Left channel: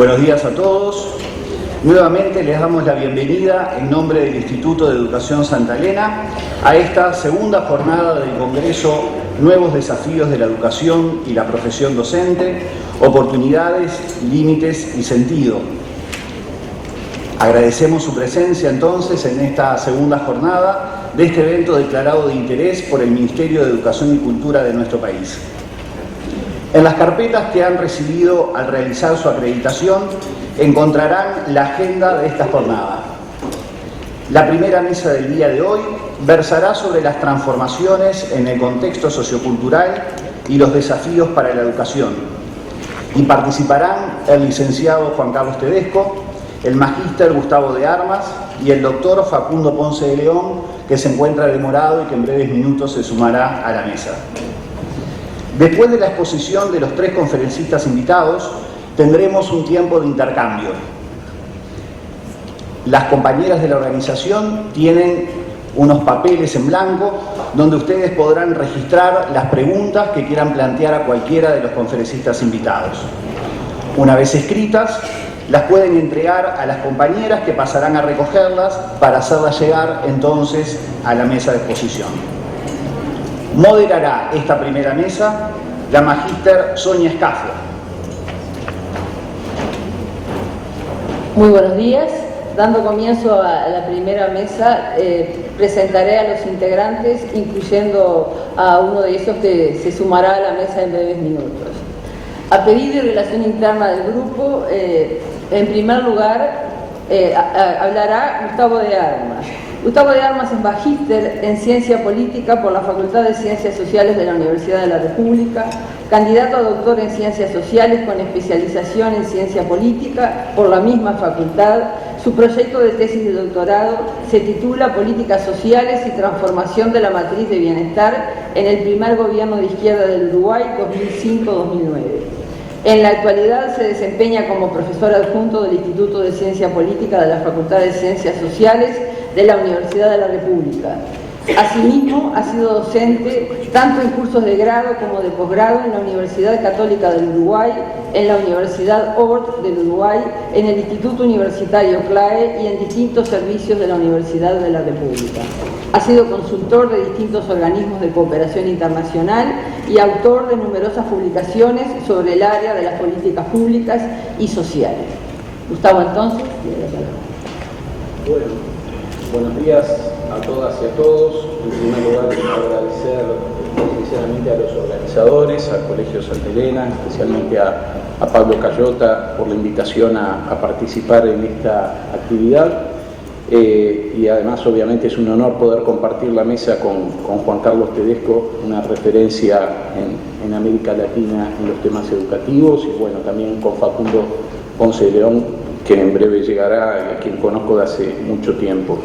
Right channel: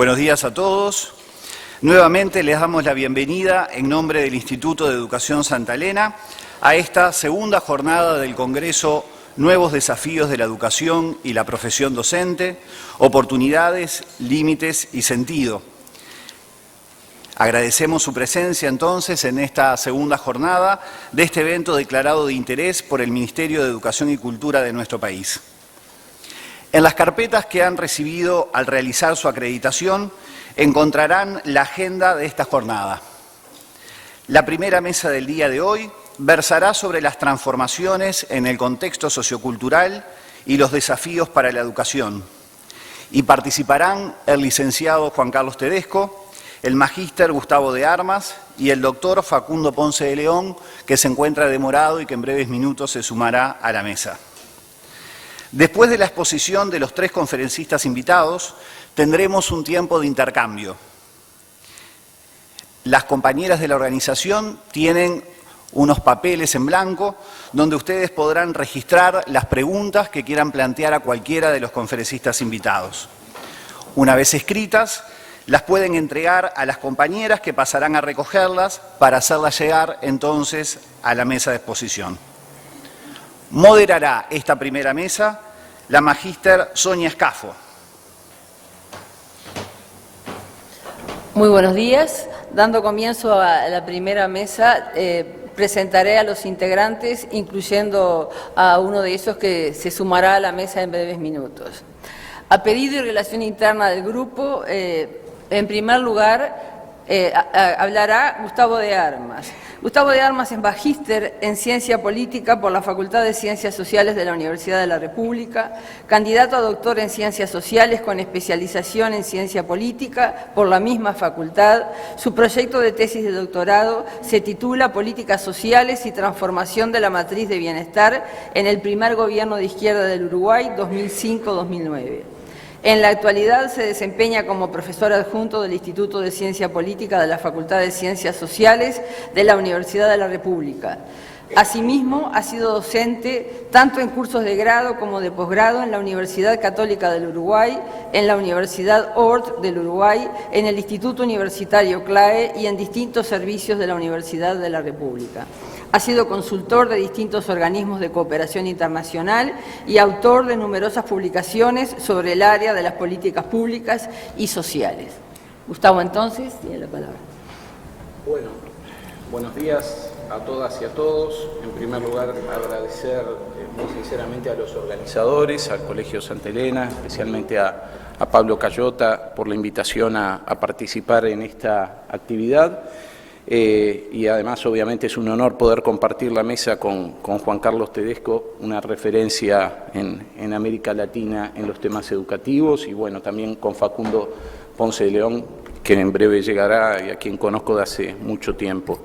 Buenos días a todos. Nuevamente les damos la bienvenida en nombre del Instituto de Educación Santa Elena a esta segunda jornada del Congreso Nuevos Desafíos de la Educación y la Profesión Docente, Oportunidades, Límites y Sentido. Agradecemos su presencia entonces en esta segunda jornada de este evento declarado de interés por el Ministerio de Educación y Cultura de nuestro país. En las carpetas que han recibido al realizar su acreditación encontrarán la agenda de esta jornada. La primera mesa del día de hoy versará sobre las transformaciones en el contexto sociocultural y los desafíos para la educación. Y participarán el licenciado Juan Carlos Tedesco, el magíster Gustavo de Armas y el doctor Facundo Ponce de León, que se encuentra demorado y que en breves minutos se sumará a la mesa. Después de la exposición de los tres conferencistas invitados, tendremos un tiempo de intercambio. Las compañeras de la organización tienen unos papeles en blanco donde ustedes podrán registrar las preguntas que quieran plantear a cualquiera de los conferencistas invitados. Una vez escritas, las pueden entregar a las compañeras que pasarán a recogerlas para hacerlas llegar entonces a la mesa de exposición. Moderará esta primera mesa la magíster Sonia Escafo. Muy buenos días. Dando comienzo a la primera mesa, presentaré a los integrantes, incluyendo a uno de ellos que se sumará a la mesa en breves minutos. A pedido y relación interna del grupo, en primer lugar, hablará Gustavo de Armas. Gustavo de Armas es magíster en Ciencia Política por la Facultad de Ciencias Sociales de la Universidad de la República, candidato a doctor en Ciencias Sociales con especialización en Ciencia Política por la misma facultad. Su proyecto de tesis de doctorado se titula Políticas Sociales y Transformación de la Matriz de Bienestar en el primer gobierno de izquierda del Uruguay 2005-2009. En la actualidad se desempeña como profesor adjunto del Instituto de Ciencia Política de la Facultad de Ciencias Sociales de la Universidad de la República. Asimismo, ha sido docente tanto en cursos de grado como de posgrado en la Universidad Católica del Uruguay, en la Universidad Ort del Uruguay, en el Instituto Universitario CLAE y en distintos servicios de la Universidad de la República. Ha sido consultor de distintos organismos de cooperación internacional y autor de numerosas publicaciones sobre el área de las políticas públicas y sociales. Gustavo, entonces, tiene la palabra. Bueno, buenos días a todas y a todos. En primer lugar, agradecer sinceramente a los organizadores, al Colegio Santa Elena, especialmente a Pablo Cayota por la invitación a participar en esta actividad. Y además, obviamente, es un honor poder compartir la mesa con Juan Carlos Tedesco, una referencia en América Latina en los temas educativos, y bueno, también con Facundo Ponce de León, que en breve llegará y a quien conozco de hace mucho tiempo.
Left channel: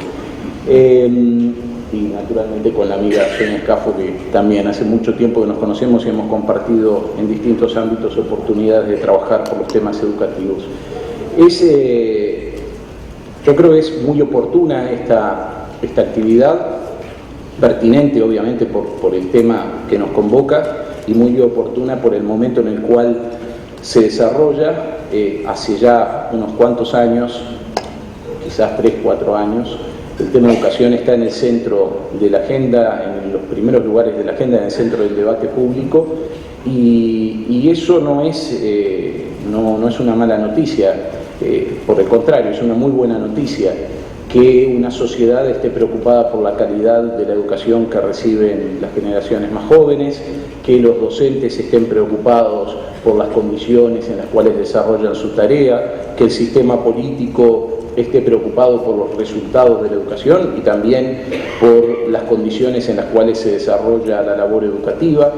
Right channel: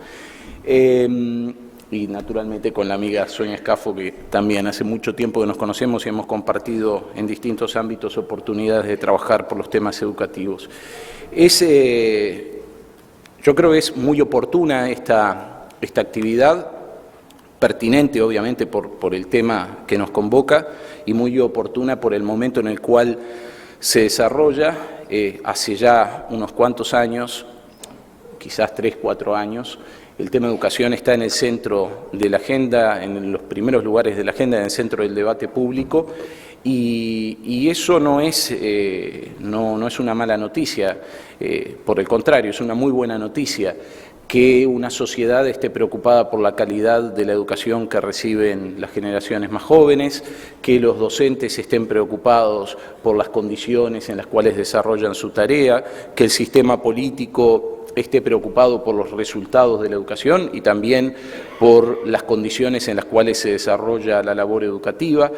Y naturalmente con la amiga Sonia Escafo, que también hace mucho tiempo que nos conocemos y hemos compartido en distintos ámbitos oportunidades de trabajar por los temas educativos. Yo creo que es muy oportuna esta actividad, pertinente obviamente por el tema que nos convoca y muy oportuna por el momento en el cual se desarrolla. Hace ya unos cuantos años, quizás 3, 4 años, el tema de educación está en el centro de la agenda, en los primeros lugares de la agenda, en el centro del debate público, y eso no es una mala noticia. Por el contrario, es una muy buena noticia que una sociedad esté preocupada por la calidad de la educación que reciben las generaciones más jóvenes, que los docentes estén preocupados por las condiciones en las cuales desarrollan su tarea, que el sistema político esté preocupado por los resultados de la educación y también por las condiciones en las cuales se desarrolla la labor educativa,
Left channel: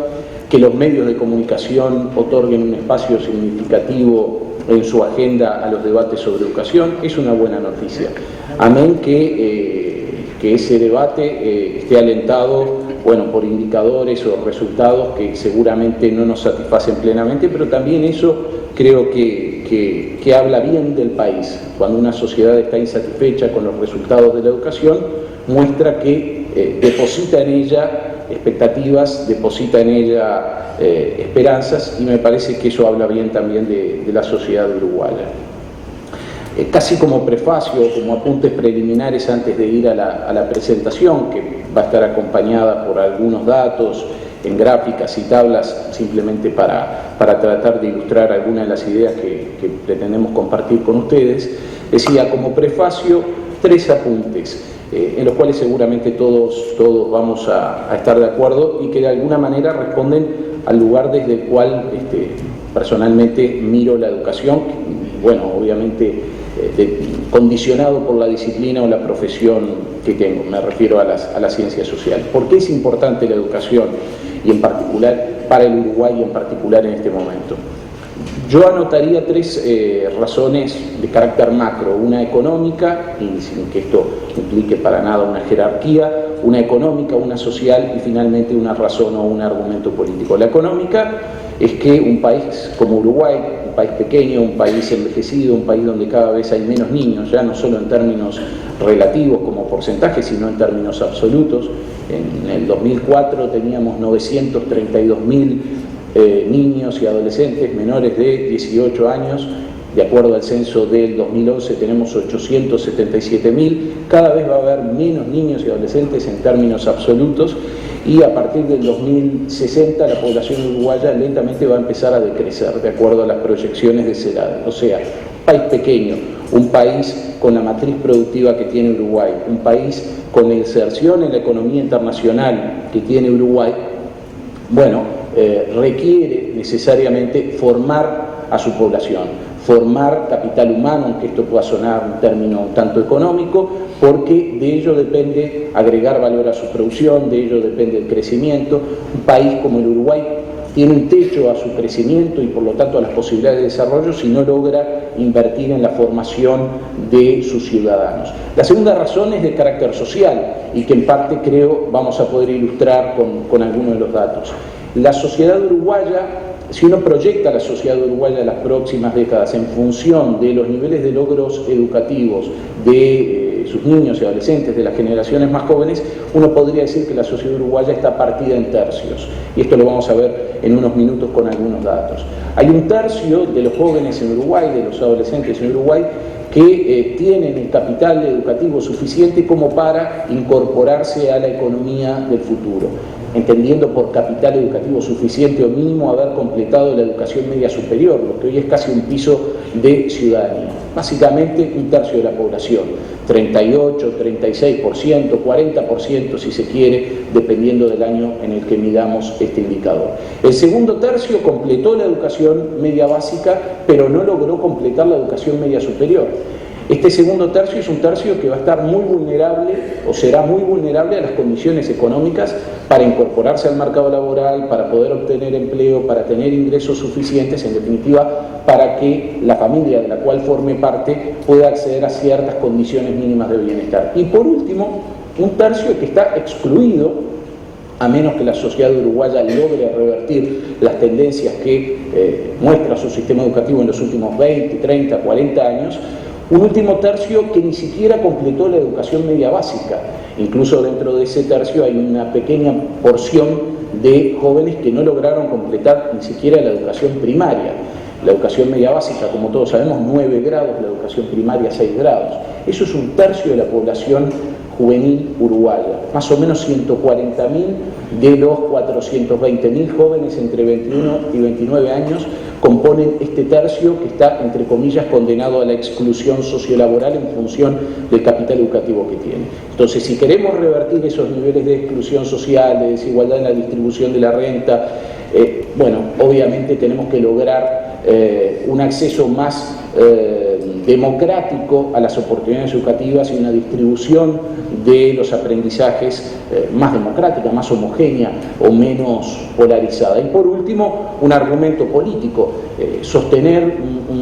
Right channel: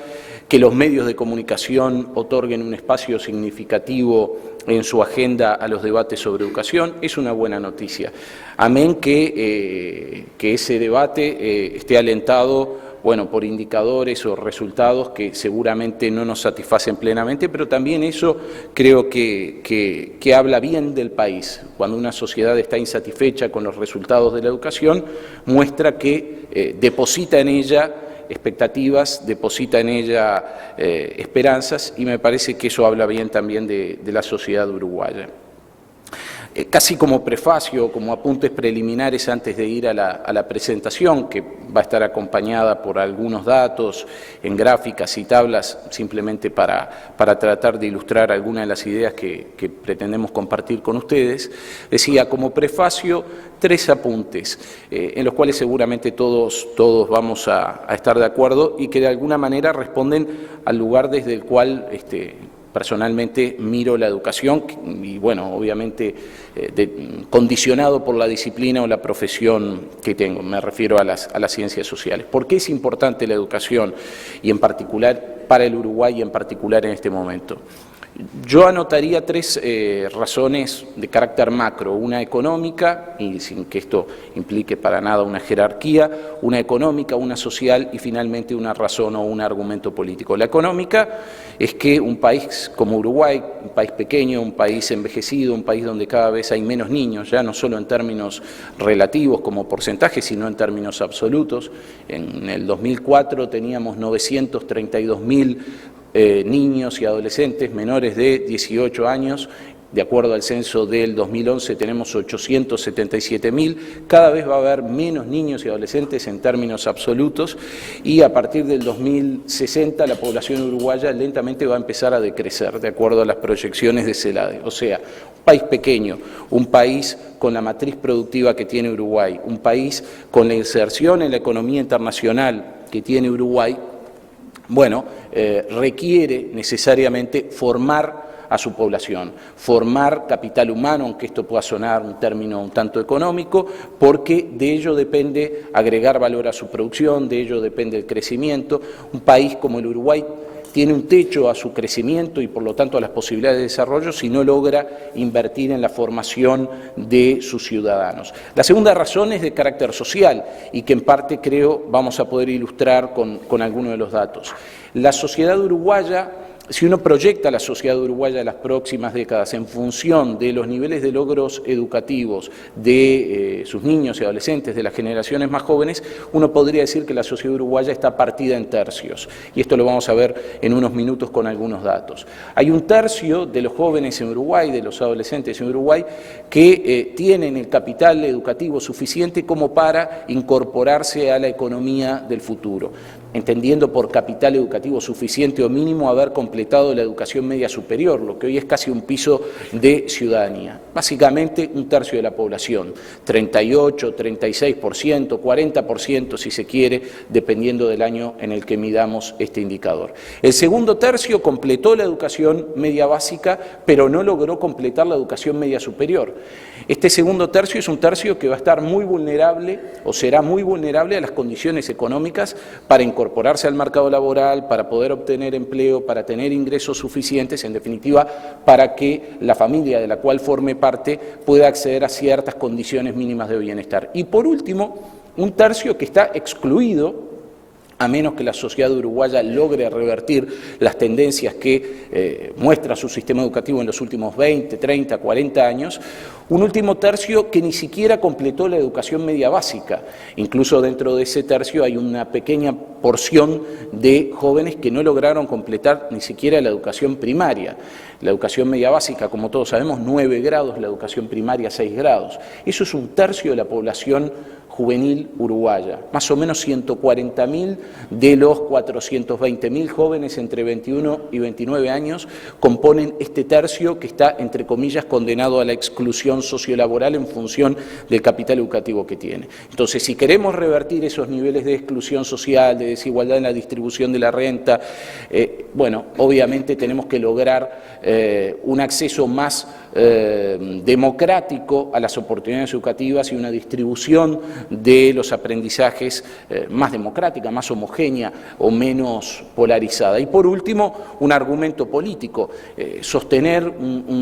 que los medios de comunicación otorguen un espacio significativo en su agenda a los debates sobre educación. Es una buena noticia. Amén que ese debate esté alentado, bueno, por indicadores o resultados que seguramente no nos satisfacen plenamente, pero también eso creo que habla bien del país. Cuando una sociedad está insatisfecha con los resultados de la educación, muestra que deposita en ella expectativas, deposita en ella esperanzas, y me parece que eso habla bien también de la sociedad uruguaya. Casi como prefacio, como apuntes preliminares antes de ir a la presentación, que va a estar acompañada por algunos datos en gráficas y tablas, simplemente para tratar de ilustrar algunas de las ideas que pretendemos compartir con ustedes. Decía, como prefacio, 3 apuntes, en los cuales seguramente todos vamos a estar de acuerdo y que de alguna manera responden al lugar desde el cual personalmente miro la educación y, bueno, obviamente condicionado por la disciplina o la profesión que tengo, me refiero a las ciencias sociales. ¿Por qué es importante la educación y en particular para el Uruguay y en particular en este momento? Yo anotaría 3 razones de carácter macro, una económica, y sin que esto implique para nada una jerarquía, una económica, una social y finalmente una razón o un argumento político. La económica es que un país como Uruguay, un país pequeño, un país envejecido, un país donde cada vez hay menos niños, ya no solo en términos relativos como porcentaje, sino en términos absolutos. En el 2004 teníamos 932.000 niños y adolescentes menores de 18 años. De acuerdo al censo del 2011 tenemos 877.000, cada vez va a haber menos niños y adolescentes en términos absolutos y a partir del 2060 la población uruguaya lentamente va a empezar a decrecer de acuerdo a las proyecciones de CELADE. O sea, un país pequeño, un país con la matriz productiva que tiene Uruguay, un país con la inserción en la economía internacional que tiene Uruguay, bueno, requiere necesariamente formar a su población, formar capital humano, aunque esto pueda sonar un término un tanto económico, porque de ello depende agregar valor a su producción, de ello depende el crecimiento. Un país como el Uruguay tiene un techo a su crecimiento y por lo tanto a las posibilidades de desarrollo si no logra invertir en la formación de sus ciudadanos. La segunda razón es de carácter social y que en parte creo vamos a poder ilustrar con algunos de los datos. La sociedad uruguaya, si uno proyecta la sociedad uruguaya de las próximas décadas en función de los niveles de logros educativos de sus niños y adolescentes, de las generaciones más jóvenes, uno podría decir que la sociedad uruguaya está partida en tercios. Y esto lo vamos a ver en unos minutos con algunos datos. Hay un tercio de los jóvenes en Uruguay, de los adolescentes en Uruguay, que tienen el capital educativo suficiente como para incorporarse a la economía del futuro, entendiendo por capital educativo suficiente o mínimo haber completado la educación media superior, lo que hoy es casi un piso de ciudadanía. Básicamente un tercio de la población, 38, 36%, 40% si se quiere, dependiendo del año en el que midamos este indicador. El segundo tercio completó la educación media básica, pero no logró completar la educación media superior. Este segundo tercio es un tercio que va a estar muy vulnerable o será muy vulnerable a las condiciones económicas para incorporarse al mercado laboral, para poder obtener empleo, para tener ingresos suficientes, en definitiva, para que la familia de la cual forme parte pueda acceder a ciertas condiciones mínimas de bienestar. Y por último, un tercio que está excluido, a menos que la sociedad uruguaya logre revertir las tendencias que muestra su sistema educativo en los últimos 20, 30, 40 años, un último tercio que ni siquiera completó la educación media básica. Incluso dentro de ese tercio hay una pequeña porción de jóvenes que no lograron completar ni siquiera la educación primaria. La educación media básica, como todos sabemos, 9 grados, la educación primaria 6 grados. Eso es un tercio de la población juvenil uruguaya. Más o menos 140.000 de los 420.000 jóvenes entre 21 y 29 años componen este tercio que está, entre comillas, condenado a la exclusión sociolaboral en función del capital educativo que tiene. Entonces, si queremos revertir esos niveles de exclusión social, de desigualdad en la distribución de la renta, bueno, obviamente tenemos que lograr un acceso más democrático a las oportunidades educativas y una distribución de los aprendizajes más democrática, más homogénea o menos polarizada. Y por último, un argumento político, sostener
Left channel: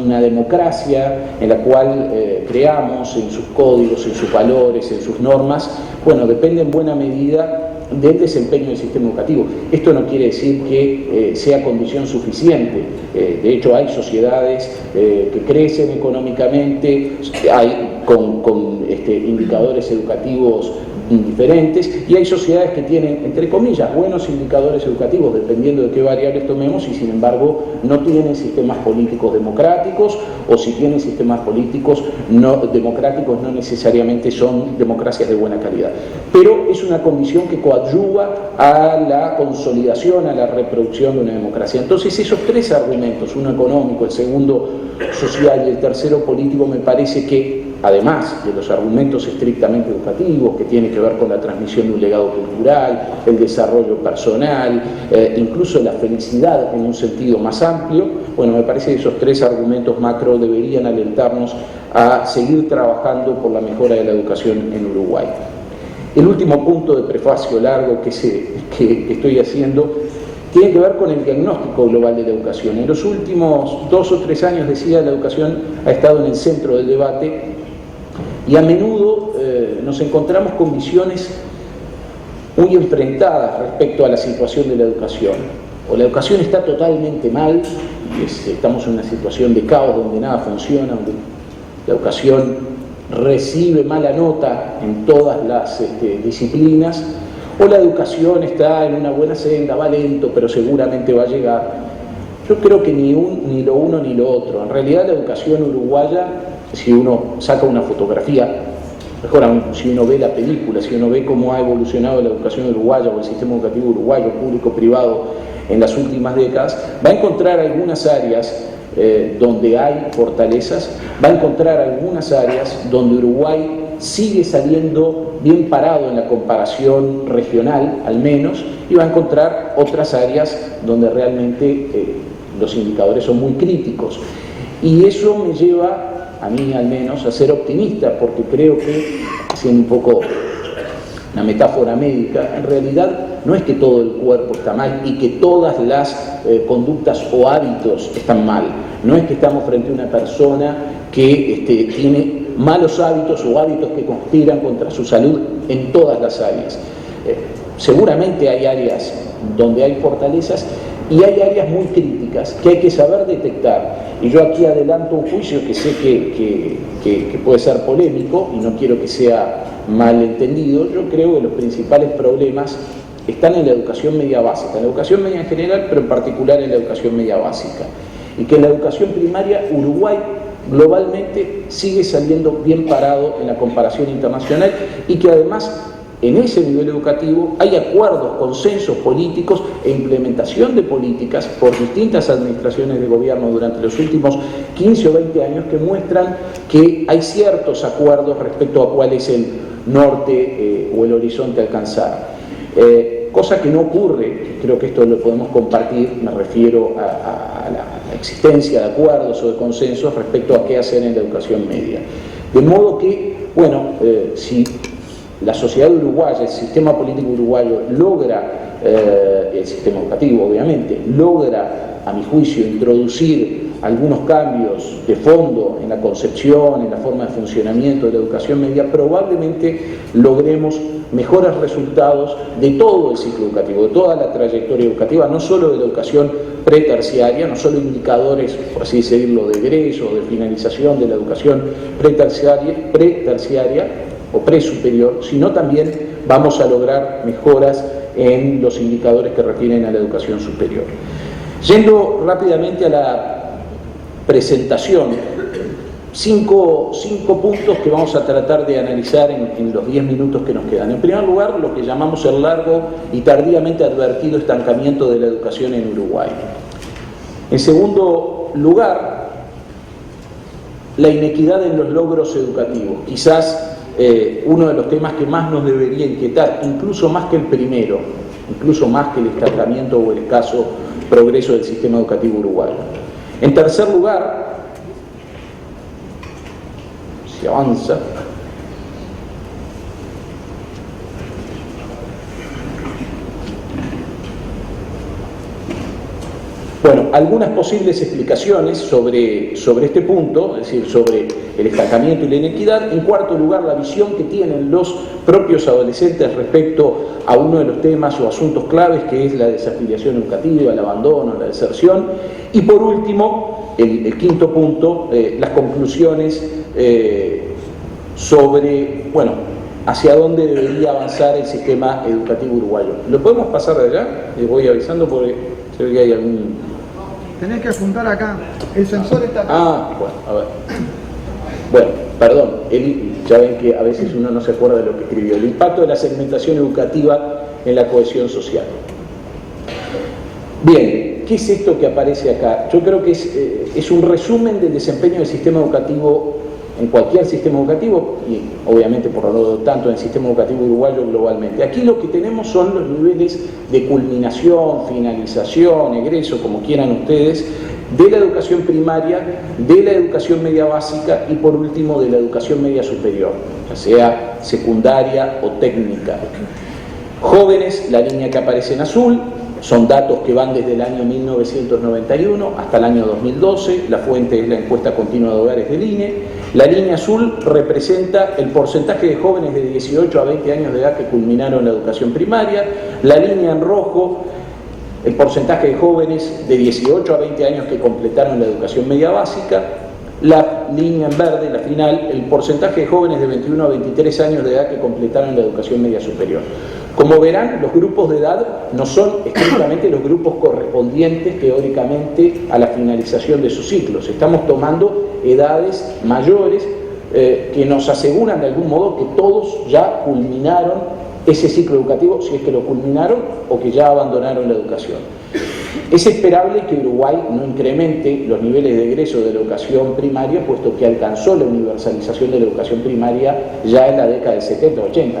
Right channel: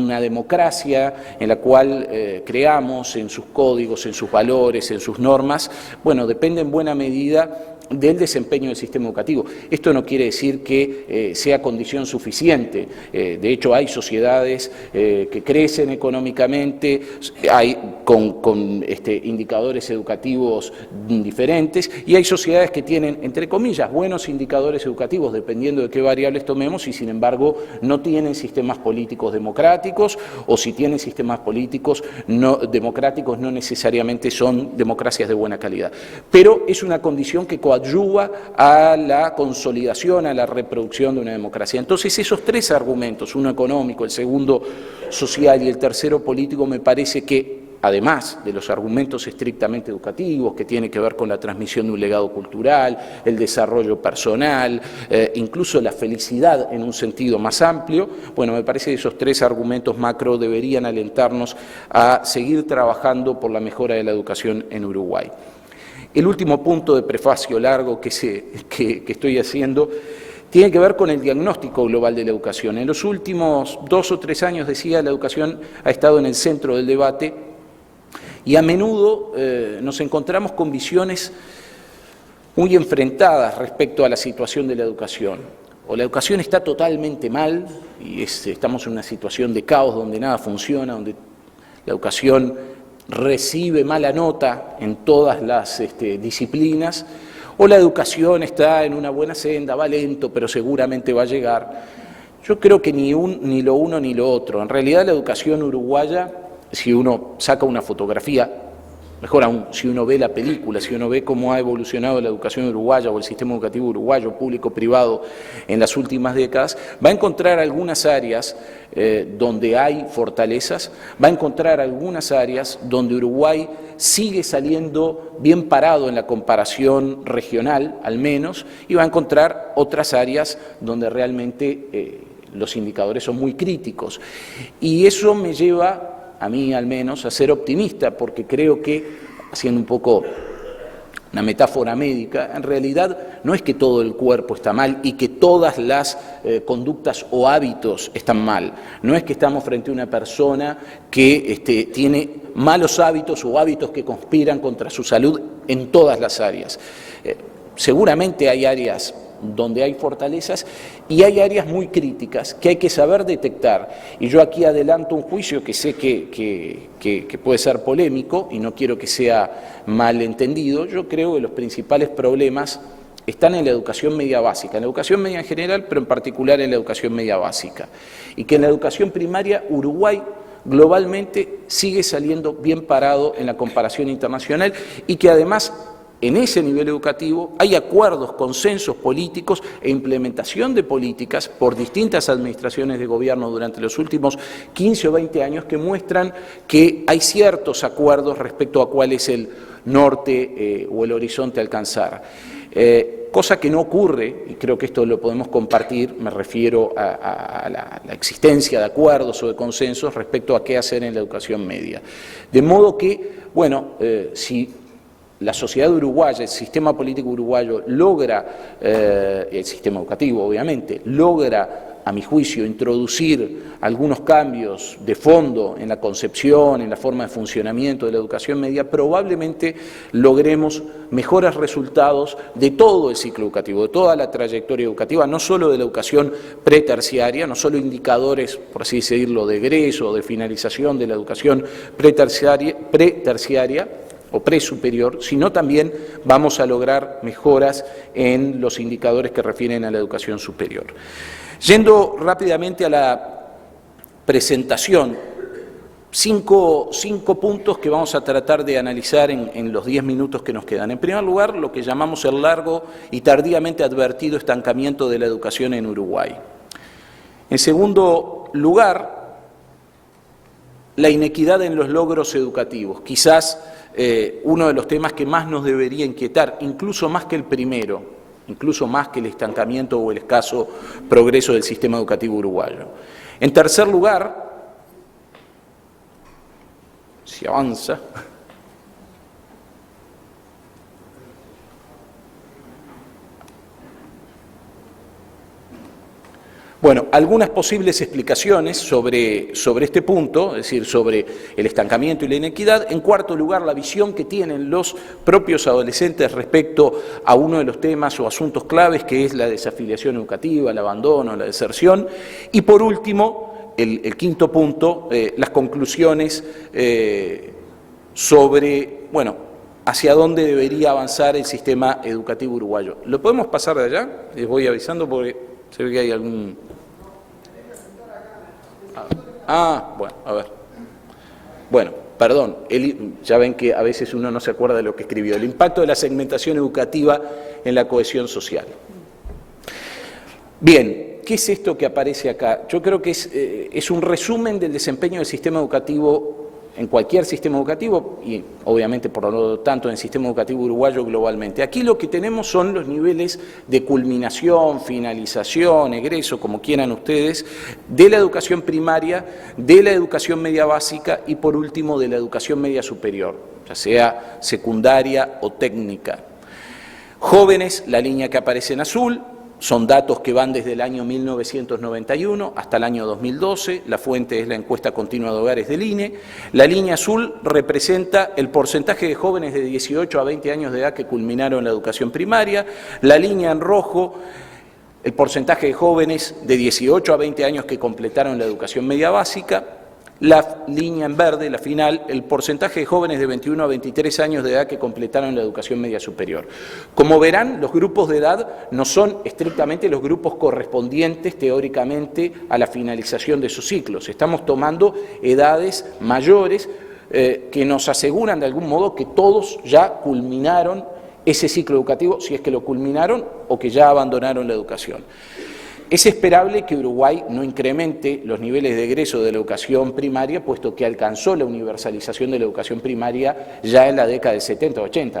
una democracia en la cual creamos en sus códigos, en sus valores, en sus normas, bueno, depende en buena medida del desempeño del sistema educativo. Esto no quiere decir que sea condición suficiente. De hecho, hay sociedades que crecen económicamente, hay con indicadores educativos indiferentes, y hay sociedades que tienen, entre comillas, buenos indicadores educativos, dependiendo de qué variables tomemos, y sin embargo no tienen sistemas políticos democráticos, o si tienen sistemas políticos democráticos no necesariamente son democracias de buena calidad. Pero es una condición que coadyuva a la consolidación, a la reproducción de una democracia. Entonces esos tres argumentos, uno económico, el segundo social y el tercero político, me parece que, además de los argumentos estrictamente educativos, que tiene que ver con la transmisión de un legado cultural, el desarrollo personal, incluso la felicidad en un sentido más amplio, bueno, me parece que esos tres argumentos macro deberían alentarnos a seguir trabajando por la mejora de la educación en Uruguay. El último punto de prefacio largo que estoy haciendo tiene que ver con el diagnóstico global de la educación. En los últimos 2 o 3 años, decía, la educación ha estado en el centro del debate, y a menudo nos encontramos con visiones muy enfrentadas respecto a la situación de la educación. O la educación está totalmente mal, y estamos en una situación de caos donde nada funciona, donde la educación recibe mala nota en todas las disciplinas, o la educación está en una buena senda, va lento, pero seguramente va a llegar. Yo creo que ni lo uno ni lo otro. En realidad la educación uruguaya, si uno saca una fotografía, mejor aún, si uno ve la película, si uno ve cómo ha evolucionado la educación uruguaya o el sistema educativo uruguayo, público-privado, en las últimas décadas, va a encontrar algunas áreas donde hay fortalezas, va a encontrar algunas áreas donde Uruguay sigue saliendo bien parado en la comparación regional, al menos, y va a encontrar otras áreas donde realmente los indicadores son muy críticos. Y eso me lleva, a mí al menos, a ser optimista, porque creo que, haciendo un poco una metáfora médica, en realidad no es que todo el cuerpo está mal y que todas las conductas o hábitos están mal. No es que estamos frente a una persona que tiene malos hábitos o hábitos que conspiran contra su salud en todas las áreas. Seguramente hay áreas donde hay fortalezas y hay áreas muy críticas que hay que saber detectar. Y yo aquí adelanto un juicio que sé que puede ser polémico y no quiero que sea mal entendido. Yo creo que los principales problemas están en la educación media básica, en la educación media en general, pero en particular en la educación media básica. Y que en la educación primaria, Uruguay globalmente sigue saliendo bien parado en la comparación internacional, y que además en ese nivel educativo hay acuerdos, consensos políticos e implementación de políticas por distintas administraciones de gobierno durante los últimos 15 o 20 años que muestran que hay ciertos acuerdos respecto a cuál es el norte o el horizonte a alcanzar. Cosa que no ocurre, creo que esto lo podemos compartir, me refiero a la existencia de acuerdos o de consensos respecto a qué hacer en la educación media. De modo que, bueno, si la sociedad uruguaya, el sistema político uruguayo logra, el sistema educativo obviamente, logra, a mi juicio, introducir algunos cambios de fondo en la concepción, en la forma de funcionamiento de la educación media, probablemente logremos mejores resultados de todo el ciclo educativo, de toda la trayectoria educativa, no solo de la educación preterciaria, no solo indicadores, por así decirlo, de egreso o de finalización de la educación preterciaria o presuperior, sino también vamos a lograr mejoras en los indicadores que refieren a la educación superior. Yendo rápidamente a la presentación, cinco puntos que vamos a tratar de analizar en los 10 minutos que nos quedan. En primer lugar, lo que llamamos el largo y tardíamente advertido estancamiento de la educación en Uruguay. En segundo lugar, la inequidad en los logros educativos, quizás uno de los temas que más nos debería inquietar, incluso más que el primero, incluso más que el estancamiento o el escaso progreso del sistema educativo uruguayo. En tercer lugar, si avanza, bueno, algunas posibles explicaciones sobre este punto, es decir, sobre el estancamiento y la inequidad. En cuarto lugar, la visión que tienen los propios adolescentes respecto a uno de los temas o asuntos claves, que es la desafiliación educativa, el abandono, la deserción. Y por último, el quinto punto, las conclusiones sobre, bueno, hacia dónde debería avanzar el sistema educativo uruguayo. ¿Lo podemos pasar de allá? Les voy avisando porque se ve que hay algún... Tenés que apuntar acá. El sensor está acá. Ah, bueno, a ver. Bueno, perdón, ya ven que a veces uno no se acuerda de lo que escribió. El impacto de la segmentación educativa en la cohesión social. Bien, ¿qué es esto que aparece acá? Yo creo que es un resumen del desempeño del sistema educativo en cualquier sistema educativo y obviamente por lo tanto en el sistema educativo uruguayo globalmente. Aquí lo que tenemos son los niveles de culminación, finalización, egreso, como quieran ustedes, de la educación primaria, de la educación media básica y por último de la educación media superior, ya sea secundaria o técnica. Jóvenes, la línea que aparece en azul, son datos que van desde el año 1991 hasta el año 2012, la fuente es la encuesta continua de hogares del INE. La línea azul representa el porcentaje de jóvenes de 18 a 20 años de edad que culminaron la educación primaria, la línea en rojo, el porcentaje de jóvenes de 18 a 20 años que completaron la educación media básica, la línea en verde, la final, el porcentaje de jóvenes de 21 a 23 años de edad que completaron la educación media superior. Como verán, los grupos de edad no son estrictamente los grupos correspondientes teóricamente a la finalización de sus ciclos. Estamos tomando edades mayores que nos aseguran de algún modo que todos ya culminaron ese ciclo educativo, si es que lo culminaron o que ya abandonaron la educación. Es esperable que Uruguay no incremente los niveles de egreso de la educación primaria, puesto que alcanzó la universalización de la educación primaria ya en la década del 70-80.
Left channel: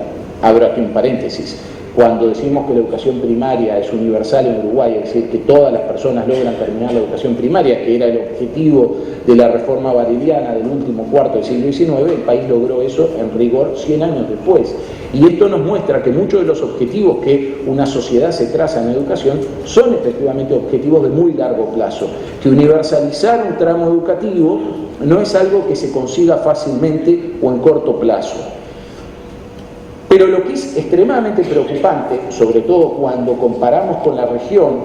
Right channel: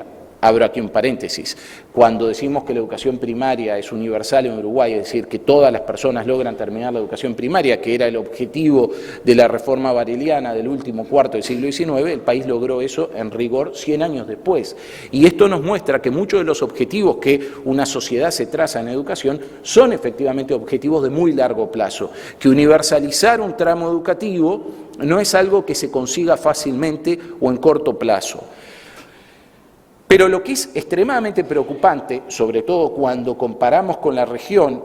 Abro aquí un paréntesis. Cuando decimos que la educación primaria es universal en Uruguay, es decir, que todas las personas logran terminar la educación primaria, que era el objetivo de la reforma bareliana del último cuarto del siglo XIX, el país logró eso en rigor 100 años después. Y esto nos muestra que muchos de los objetivos que una sociedad se traza en educación son efectivamente objetivos de muy largo plazo, que universalizar un tramo educativo no es algo que se consiga fácilmente o en corto plazo. Pero lo que es extremadamente preocupante, sobre todo cuando comparamos con la región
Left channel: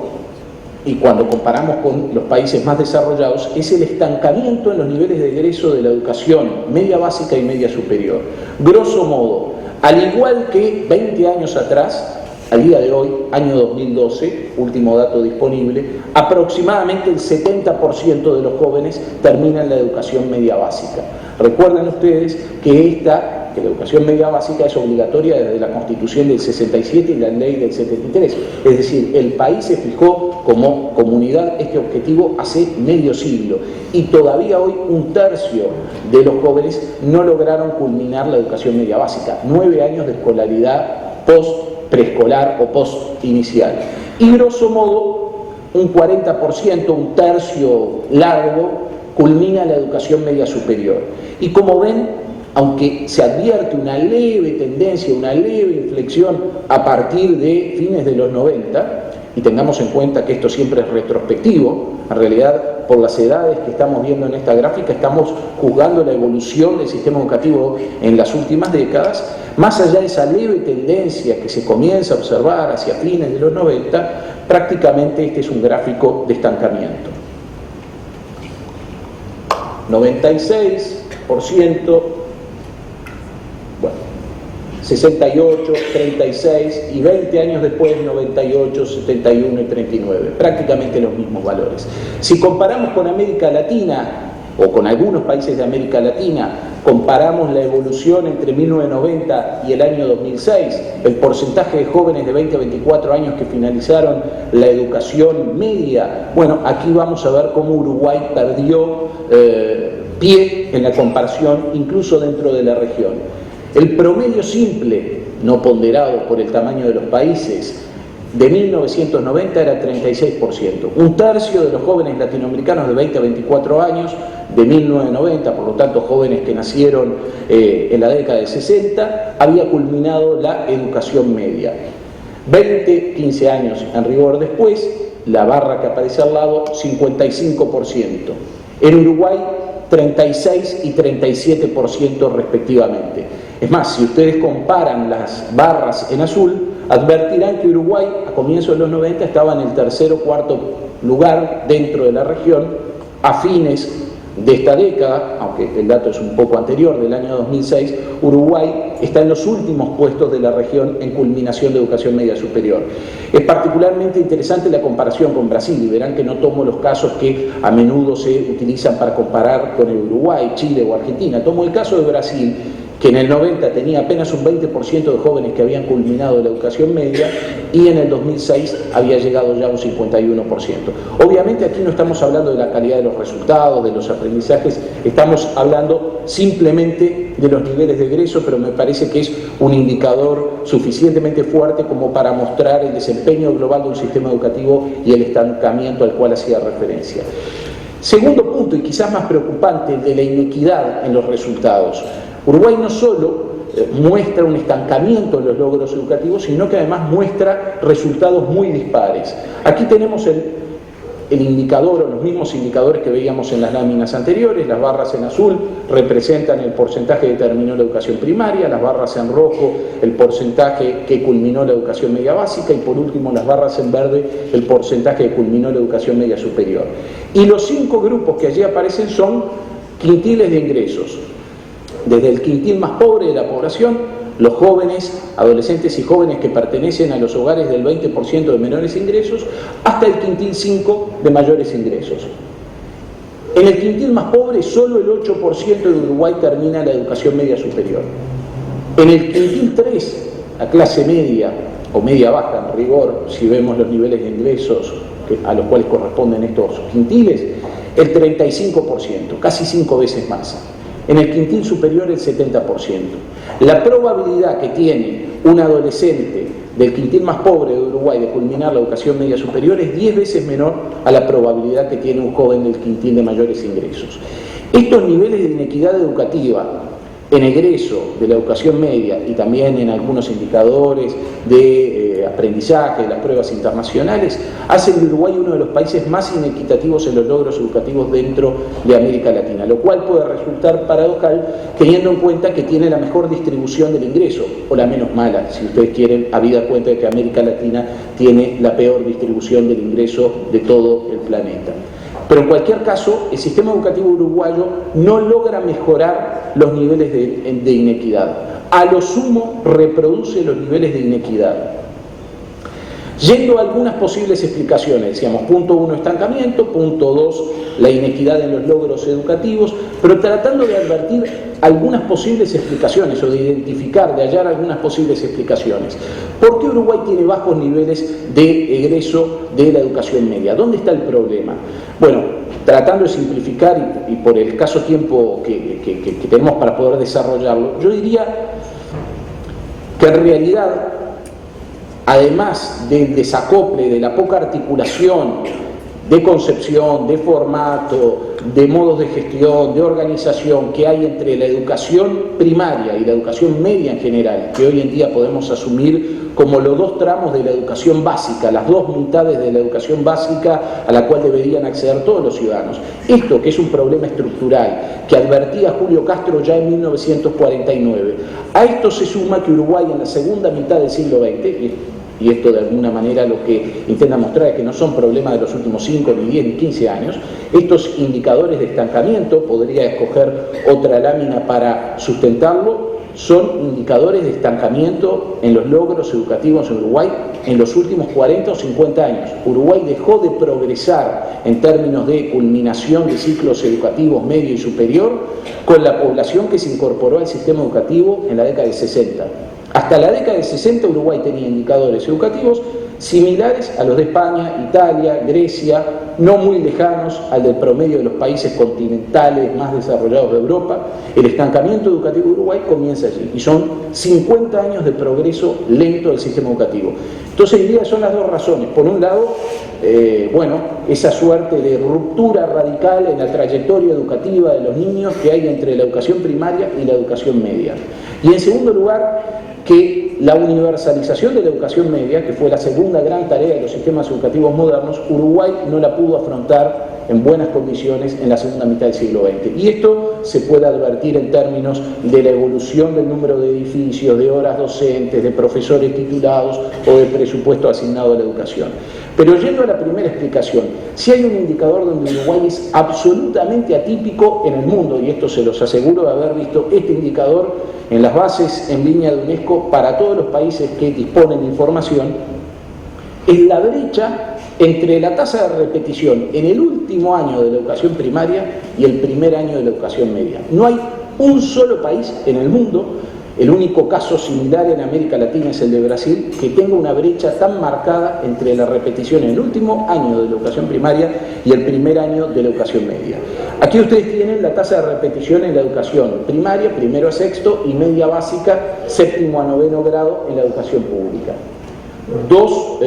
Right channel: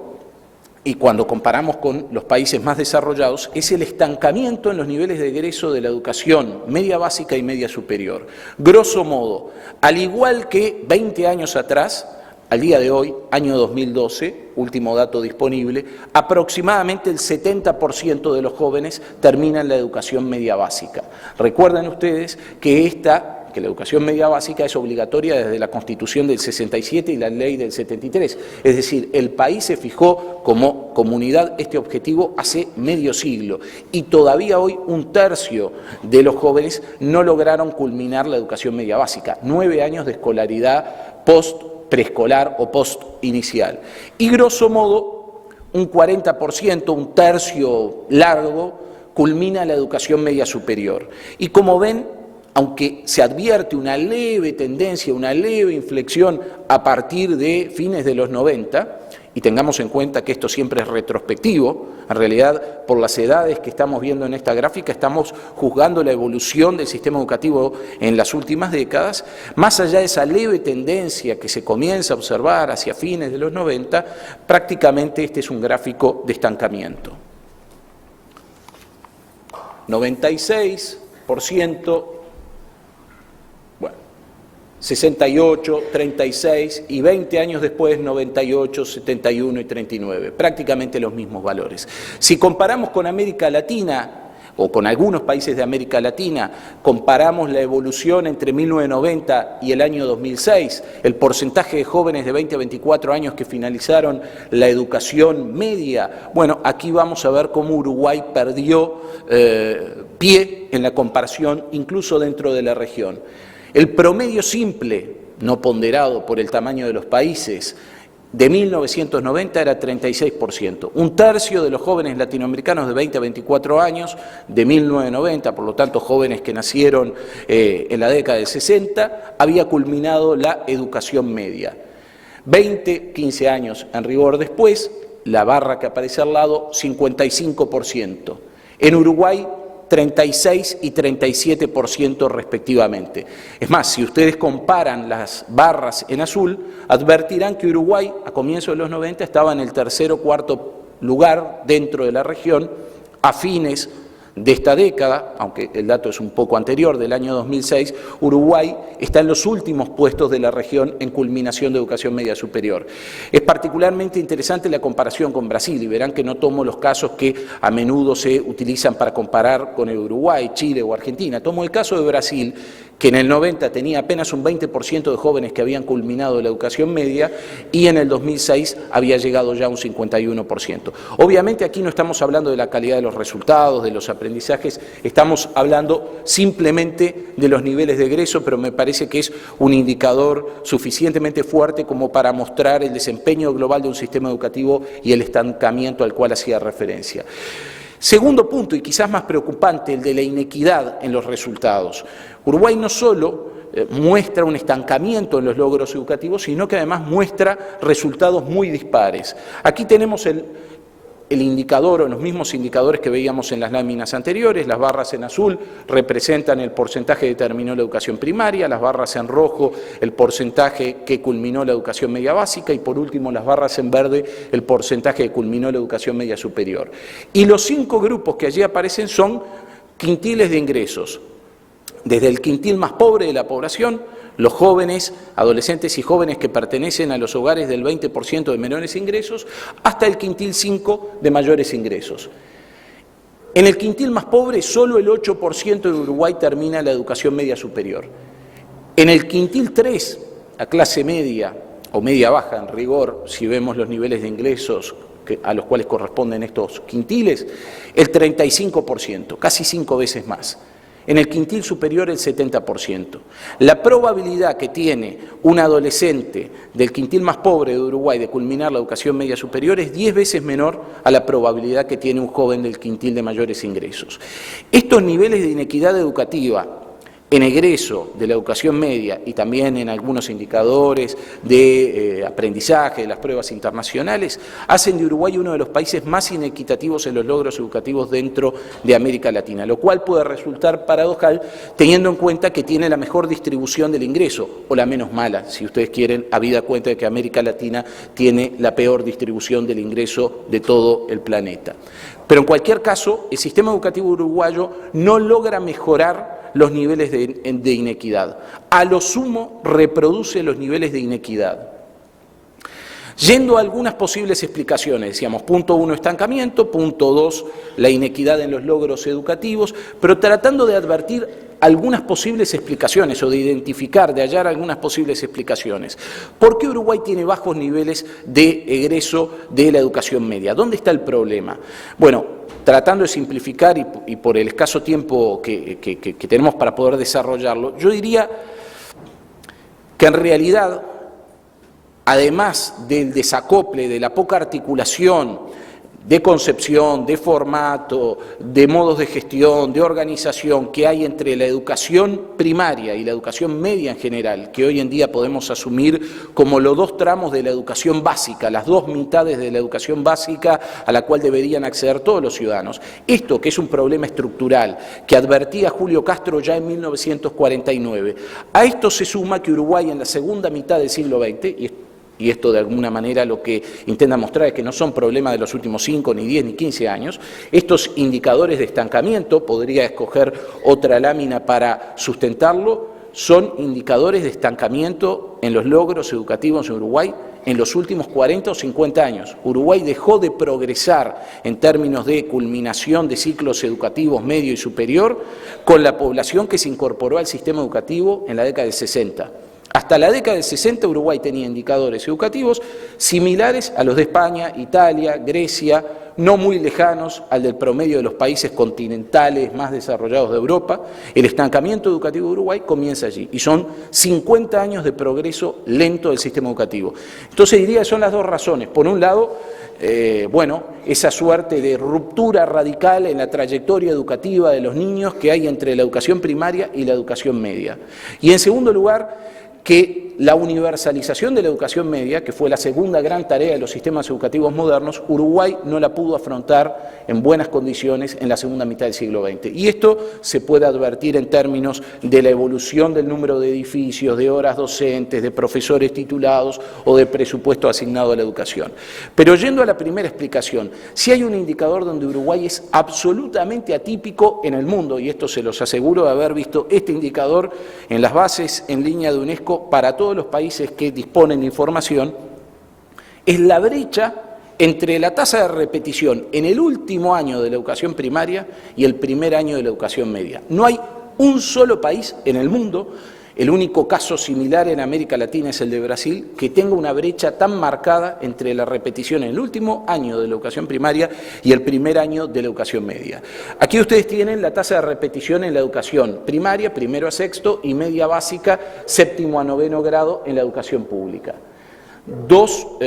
y cuando comparamos con los países más desarrollados, es el estancamiento en los niveles de egreso de la educación media básica y media superior. Grosso modo, al igual que 20 años atrás, al día de hoy, año 2012, último dato disponible, aproximadamente el 70% de los jóvenes terminan la educación media básica. Recuerden ustedes que la educación media básica es obligatoria desde la Constitución del 67 y la Ley del 73. Es decir, el país se fijó como comunidad este objetivo hace medio siglo y todavía hoy un tercio de los jóvenes no lograron culminar la educación media básica. 9 años de escolaridad post-preescolar o post-inicial. Y grosso modo, un 40%, un tercio largo, culmina la educación media superior. Y como ven, aunque se advierte una leve tendencia, una leve inflexión a partir de fines de los 90, y tengamos en cuenta que esto siempre es retrospectivo, en realidad por las edades que estamos viendo en esta gráfica estamos juzgando la evolución del sistema educativo en las últimas décadas, más allá de esa leve tendencia que se comienza a observar hacia fines de los 90, prácticamente este es un gráfico de estancamiento. 96%, 68, 36 y 20 años después 98, 71 y 39, prácticamente los mismos valores. Si comparamos con América Latina o con algunos países de América Latina, comparamos la evolución entre 1990 y el año 2006, el porcentaje de jóvenes de 20 a 24 años que finalizaron la educación media, bueno, aquí vamos a ver cómo Uruguay perdió pie en la comparación incluso dentro de la región. El promedio simple, no ponderado por el tamaño de los países, de 1990 era 36%. Un tercio de los jóvenes latinoamericanos de 20 a 24 años de 1990, por lo tanto jóvenes que nacieron en la década del 60, había culminado la educación media. 20, 15 años en rigor después, la barra que aparece al lado, 55%. En Uruguay, 36 y 37% respectivamente. Es más, si ustedes comparan las barras en azul, advertirán que Uruguay a comienzos de los 90 estaba en el tercer o cuarto lugar dentro de la región, a fines de esta década, aunque el dato es un poco anterior, del año 2006, Uruguay está en los últimos puestos de la región en culminación de educación media superior. Es particularmente interesante la comparación con Brasil, y verán que no tomo los casos que a menudo se utilizan para comparar con el Uruguay, Chile o Argentina. Tomo el caso de Brasil, que en el 90 tenía apenas un 20% de jóvenes que habían culminado la educación media y en el 2006 había llegado ya a un 51%. Obviamente aquí no estamos hablando de la calidad de los resultados, de los aprendizajes, estamos hablando simplemente de los niveles de egreso, pero me parece que es un indicador suficientemente fuerte como para mostrar el desempeño global de un sistema educativo y el estancamiento al cual hacía referencia. Segundo punto, y quizás más preocupante, el de la inequidad en los resultados. Uruguay no solo muestra un estancamiento en los logros educativos, sino que además muestra resultados muy dispares. Aquí tenemos el indicador, o los mismos indicadores que veíamos en las láminas anteriores. Las barras en azul representan el porcentaje que terminó la educación primaria, las barras en rojo el porcentaje que culminó la educación media básica y por último las barras en verde el porcentaje que culminó la educación media superior. Y los 5 grupos que allí aparecen son quintiles de ingresos. Desde el quintil más pobre de la población, los jóvenes, adolescentes y jóvenes que pertenecen a los hogares del 20% de menores ingresos, hasta el quintil 5 de mayores ingresos. En el quintil más pobre, solo el 8% de Uruguay termina la educación media superior. En el quintil 3, la clase media o media baja en rigor, si vemos los niveles de ingresos a los cuales corresponden estos quintiles, el 35%, casi 5 veces más. En el quintil superior el 70%. La probabilidad que tiene un adolescente del quintil más pobre de Uruguay de culminar la educación media superior es 10 veces menor a la probabilidad que tiene un joven del quintil de mayores ingresos. Estos niveles de inequidad educativa en egreso de la educación media y también en algunos indicadores de aprendizaje, de las pruebas internacionales, hacen de Uruguay uno de los países más inequitativos en los logros educativos dentro de América Latina, lo cual puede resultar paradojal teniendo en cuenta que tiene la mejor distribución del ingreso, o la menos mala, si ustedes quieren, habida cuenta de que América Latina tiene la peor distribución del ingreso de todo el planeta. Pero en cualquier caso, el sistema educativo uruguayo no logra mejorar los niveles de inequidad. A lo sumo, reproduce los niveles de inequidad. Yendo a algunas posibles explicaciones, decíamos, punto 1, estancamiento, punto 2, la inequidad en los logros educativos, pero tratando de advertir algunas posibles explicaciones o de identificar, de hallar algunas posibles explicaciones. ¿Por qué Uruguay tiene bajos niveles de egreso de la educación media? ¿Dónde está el problema? Bueno, tratando de simplificar y por el escaso tiempo que tenemos para poder desarrollarlo, yo diría que en realidad, además del desacople, de la poca articulación de concepción, de formato, de modos de gestión, de organización que hay entre la educación primaria y la educación media en general, que hoy en día podemos asumir como los 2 tramos de la educación básica, las 2 mitades de la educación básica a la cual deberían acceder todos los ciudadanos. Esto, que es un problema estructural, que advertía Julio Castro ya en 1949, a esto se suma que Uruguay en la segunda mitad del siglo XX, y esto de alguna manera lo que intenta mostrar es que no son problemas de los últimos 5, ni 10, ni 15 años. Estos indicadores de estancamiento, podría escoger otra lámina para sustentarlo, son indicadores de estancamiento en los logros educativos en Uruguay en los últimos 40 o 50 años. Uruguay dejó de progresar en términos de culminación de ciclos educativos medio y superior con la población que se incorporó al sistema educativo en la década del 60. Hasta la década del 60 Uruguay tenía indicadores educativos similares a los de España, Italia, Grecia, no muy lejanos al del promedio de los países continentales más desarrollados de Europa. El estancamiento educativo de Uruguay comienza allí y son 50 años de progreso lento del sistema educativo. Entonces diría que son las 2 razones. Por un lado, esa suerte de ruptura radical en la trayectoria educativa de los niños que hay entre la educación primaria y la educación media. Y en segundo lugar, que la universalización de la educación media, que fue la segunda gran tarea de los sistemas educativos modernos, Uruguay no la pudo afrontar en buenas condiciones en la segunda mitad del siglo XX. Y esto se puede advertir en términos de la evolución del número de edificios, de horas docentes, de profesores titulados o de presupuesto asignado a la educación. Pero yendo a la primera explicación, si hay un indicador donde Uruguay es absolutamente atípico en el mundo, y esto se los aseguro de haber visto este indicador en las bases en línea de UNESCO para todos los países que disponen de información, es la brecha entre la tasa de repetición en el último año de la educación primaria y el primer año de la educación media. No hay un solo país en el mundo, el único caso similar en América Latina es el de Brasil, que tenga una brecha tan marcada entre la repetición en el último año de la educación primaria y el primer año de la educación media. Aquí ustedes tienen la tasa de repetición en la educación primaria, primero a sexto, y media básica, séptimo a noveno grado en la educación pública. Dos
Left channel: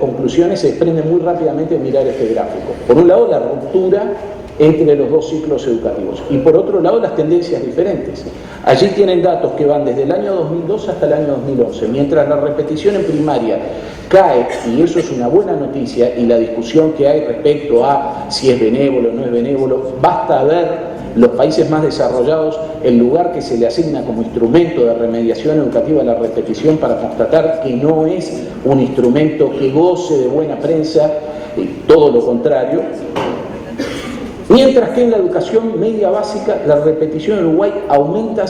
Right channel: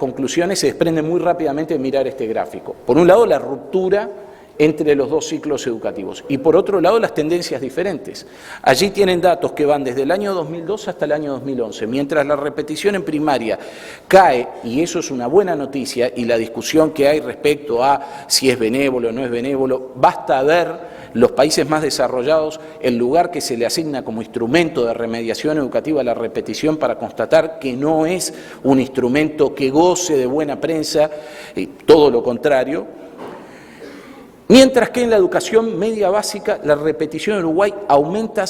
conclusiones se desprenden muy rápidamente al mirar este gráfico. Por un lado, la ruptura entre los dos ciclos educativos y por otro lado las tendencias diferentes. Allí tienen datos que van desde el año 2002 hasta el año 2011, mientras la repetición en primaria cae, y eso es una buena noticia, y la discusión que hay respecto a si es benévolo o no es benévolo, basta ver los países más desarrollados el lugar que se le asigna como instrumento de remediación educativa a la repetición para constatar que no es un instrumento que goce de buena prensa, todo lo contrario. Mientras que en la educación media básica la repetición en Uruguay aumenta